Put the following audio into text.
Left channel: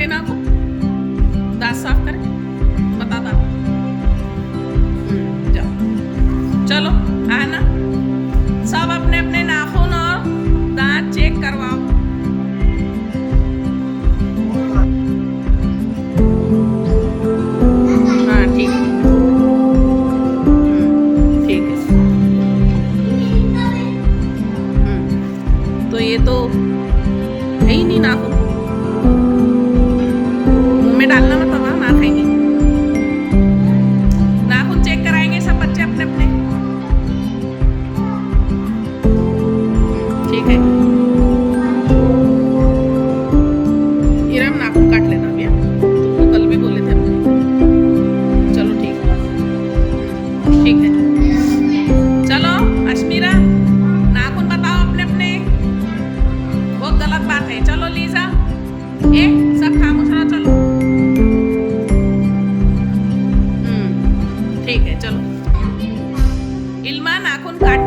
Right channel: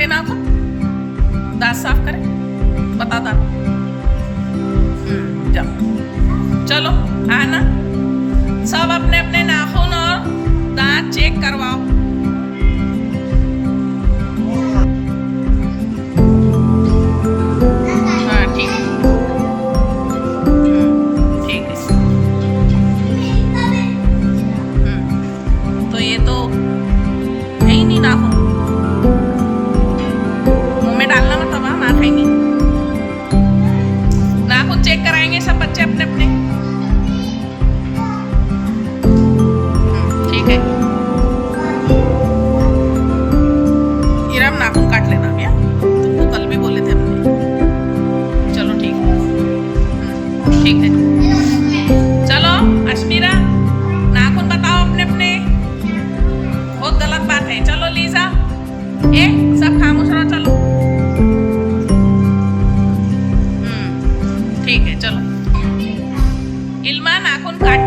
काटे नाखून, दांत साफ करें, बता दांत। जाओ, चलो आना, सब अपने अपने नाखून और दांत चेक करवाओ। हाँ ठीक है, ठीक है। तो ये तो है ही नहीं नाखून, मुंह में डालना मत, अब हम खाएंगे। नाखून चेक कराएंगे सब बच्चे अपने अपने। ठीक है, इरम नाखून काट लेना भैया, तुमको कल भी बोले थे हमने। चलो ठीक है, ठीक है। चलो अश्मीरा, नाखून बताओ अपने अपने, बहुत गलत बात है। चलो लीजा, ए सब खामोश रहो, चलो। ठीक है, चलो। इल्मा नाखून काट